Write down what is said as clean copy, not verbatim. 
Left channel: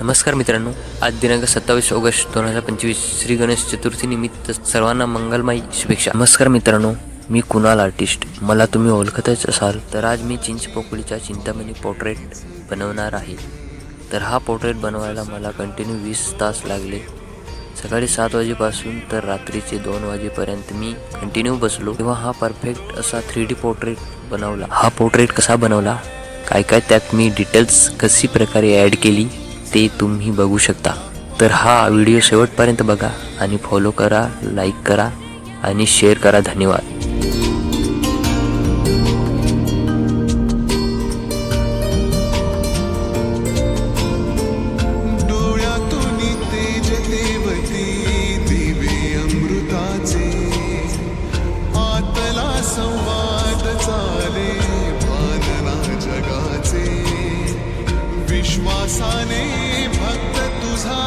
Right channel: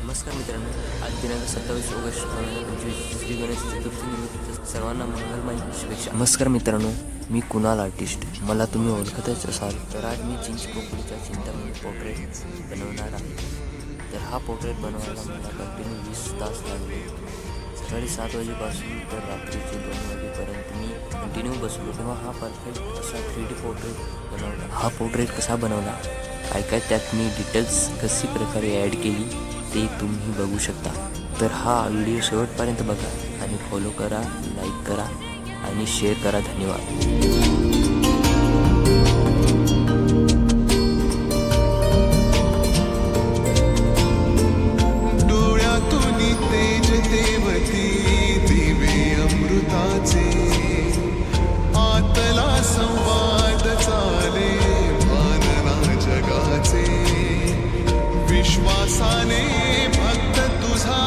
नमस्कार मित्रांनो, आज दिनांक 27 ऑगस्ट 2025 श्री गणेश चतुर्थी निमित्त सर्वांना मंगलमय शुभेच्छा। नमस्कार मित्रांनो, मी कुणाल आर्टिस्ट। मला तुम्ही ओळखतच असाल तर आज मी चिंचपोकळीच्या चिंतामणी पोर्ट्रेट बनवणार आहे। तर हा पोर्ट्रेट बनवायला मला कंटिन्यू 20 तास लागले। सकाळी 7 वाजेपासून तर रात्रीचे 2 वाजेपर्यंत मी कंटिन्यू बसलो, तेव्हा हा परफेक्ट असा 3D पोर्ट्रेट बनवला। हा पोर्ट्रेट कसा बनवला, काय काय त्यात मी डिटेल्स कशी प्रकारे ॲड केली ते तुम्ही बघू शकता। तर हा व्हिडिओ शेवटपर्यंत बघा आणि फॉलो करा, लाईक करा आणि शेअर करा। धन्यवाद। डोळ्यातून तेज तेवती दिवे अमृताचे, आतला संवाद चाले भानना जगाचे। विश्वासाने भक्त तुझा